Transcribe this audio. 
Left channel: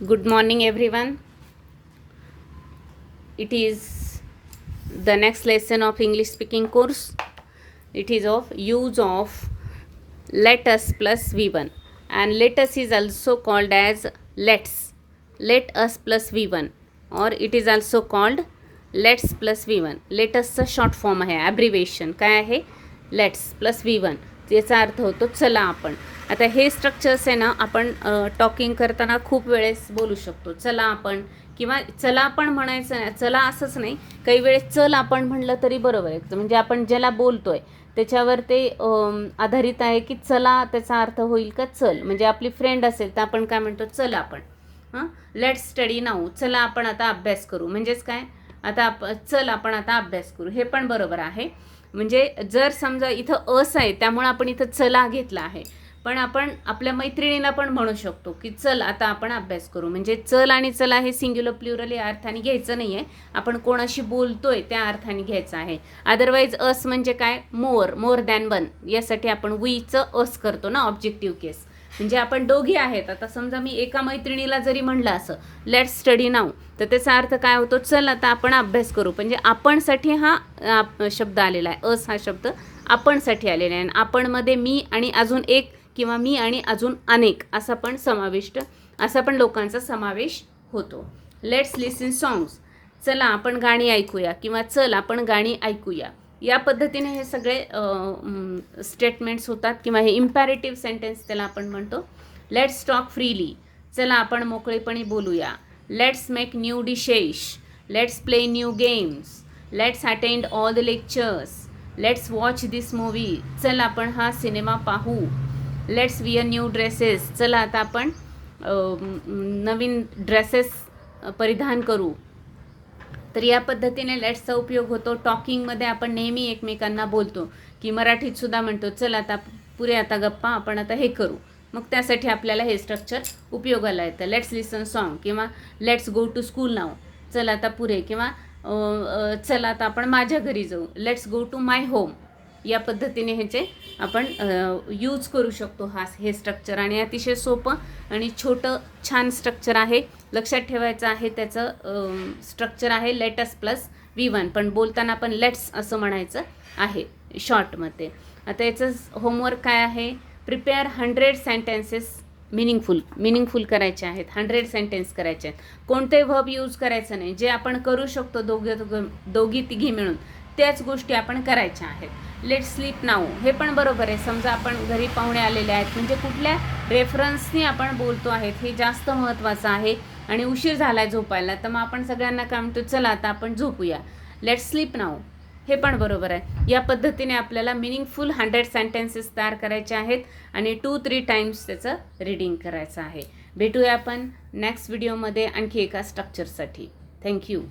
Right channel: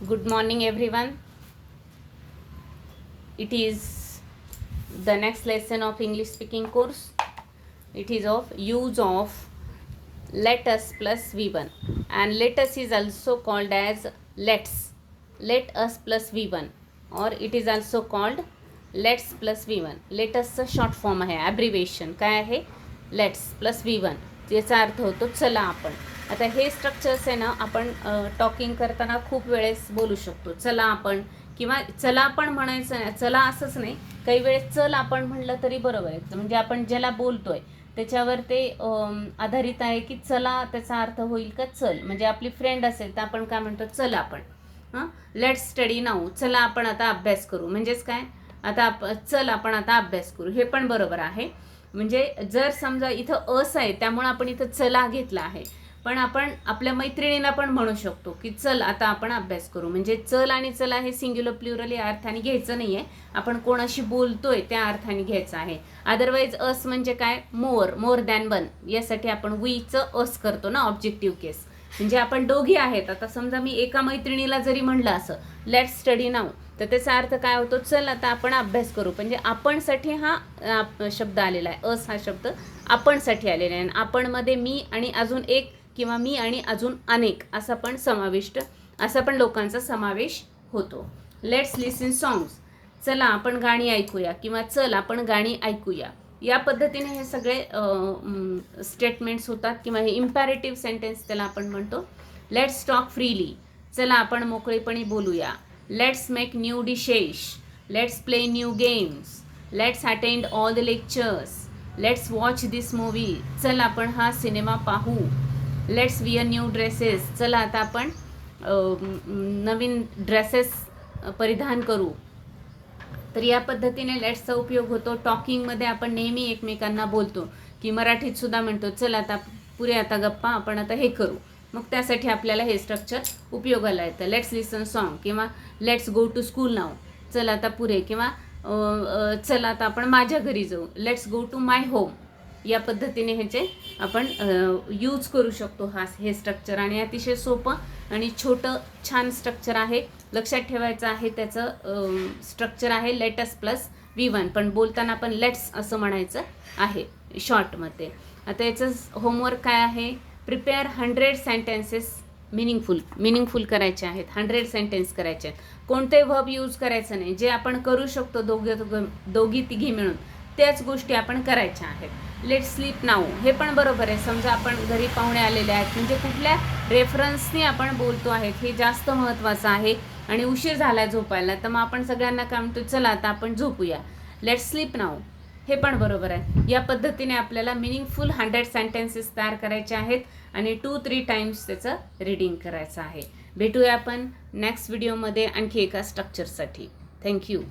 Good morning, everyone. It is the next lesson of English speaking course. It is of use of let us plus v1, and let us is also called as let's. Let us plus v1, or it is also called let's plus v1. let us चा short form आहे, abbreviation काय आहे, let's plus v1. याचा अर्थ होतो चला आपण. आता हे स्ट्रक्चर्स आहे ना, आपण टॉकिंग करताना खूप वेळेस बोलू शकतो. चला आपण, किंवा चला आपण म्हणायचं, चला असंच नाही, काही वेळेस चल आपण म्हणलं तरी बरोबर आहे. म्हणजे आपण ज्याला बोलतोय त्याच्यावर ते आधारित आहे की चला त्याचा अर्थ होईल का चल. म्हणजे आपली फ्रेंड असेल तर आपण काय म्हणतो, चल आपण. लेट्स स्टडी नाऊ, चला आपण आता अभ्यास करू. म्हणजेच काय, आता चल आपण आता अभ्यास करू, हे पण बरोबर आहे. म्हणजे जर समजा इथं अस आहे त्यामुळे आपण इथं चला घेतला आहे, पण आपण आपल्या मैत्रिणीला पण म्हणू शकतो की चल आता आपण अभ्यास करू. म्हणजे चल आणि चला हे सिंग्युलर प्लुरल या अर्थाने घ्यायचं नाही आहे, आपण कोणाशी बोलतोय त्या अर्थाने घ्यायचं आहे. अदरवाईज अस म्हणजे काय, मोर दॅन वन, यासाठी आपण वीचं अस करतो ना, ऑब्जेक्टिव्ह केस. म्हणजे आपण दोघी आहेत. आता समजा मी एका मैत्रिणीला जरी म्हणलं असं लेट्स स्टडी नाऊ, तर त्याचा अर्थ काय होतो, चल आता आपण अभ्यास करू. म्हणजे आपणसाठी हा शब्द आलेला आहे, अस हा शब्द आपणसाठी आलेला आहे. आपणमध्ये मी आणि अजून एक, किंवा मी आणि अजून अनेक असा पण समाविष्ट, असा पण लोकांचा समावेश होतो. लेट्स लिसन सॉंग्स, चला आपण गाणी ऐकूया, किंवा चल आपण गाणी ऐकूया. या पद्धतीने हे सगळे स्टेटमेंट्स होतात, किंवा हे इम्पॅरेटिव्ह सेंटेन्स त्याला आपण म्हणतो. लेट्स टॉक फ्रीली, चला आपण मोकळेपणे बोलूया. Let's make new dishes, let's play new games, let's attend all the lectures, let's watch this movie, चल आपण हा सिनेमा पाहू. लेट्स विअर न्यू ड्रेसेस, चला आता आपण नवीन ड्रेसेस परिधान करू. तर या पद्धतीने लेट्सचा उपयोग होतो. टॉकिंगमध्ये आपण नेहमी एकमेकांना बोलतो, की मराठीत सुद्धा म्हणतो चल आता पुरे आता गप्पा, आपण आता हे करू. मग त्यासाठी आपल्याला हे स्ट्रक्चर उपयोगाला येतं. लेट्स लिसन सॉन्ग, किंवा let's go to school now, चल आता पुरे, किंवा चल आता आपण माझ्या घरी जाऊ, let's go to my home. या पद्धतीने ह्याचे आपण यूज करू शकतो हे स्ट्रक्चर. आणि अतिशय सोपं आणि छोटं छान स्ट्रक्चर आहे. लक्षात ठेवायचं आहे त्याचं स्ट्रक्चर आहे लेटस प्लस v1, पण बोलताना पण लेट्स असं म्हणायचं आहे शॉर्टमध्ये. आता याचं होमवर्क काय आहे, प्रिपेअर 100 सेंटेन्सेस मिनिंगफुल करायचे आहेत. 100 सेंटेन्स करायचे आहेत. कोणते व्हर्ब यूज करायचं नाही, जे आपण करू शकतो दोघी तिघी मिळून त्याच गोष्टी आपण करायच्या आहेत. लेट्स स्लीप नाऊ, हे पण बरोबर आहे. समजा आपण घरी पाहुणे आलेले आहेत, म्हणजे कुठल्या रेफरन्सनी आपण बोलतो आहेत हे जास्त महत्त्वाचं आहे. आणि उशीर झाला झोपायला, तर मग आपण सगळ्यांना काय म्हणतो, चला आता आपण झोपूया. लेट्स स्लीप नाऊ, हे पण बरोबर आहे. या पद्धतीने आपल्याला मिनिंगफुल 100 सेंटेन्सेस तयार करायचे आहेत आणि 2-3 टाइम्स त्याचं रीडिंग करायचं आहे. भेटूया आपण नेक्स्ट व्हिडिओमध्ये आणखी एका स्ट्रक्चरसाठी. थँक्यू.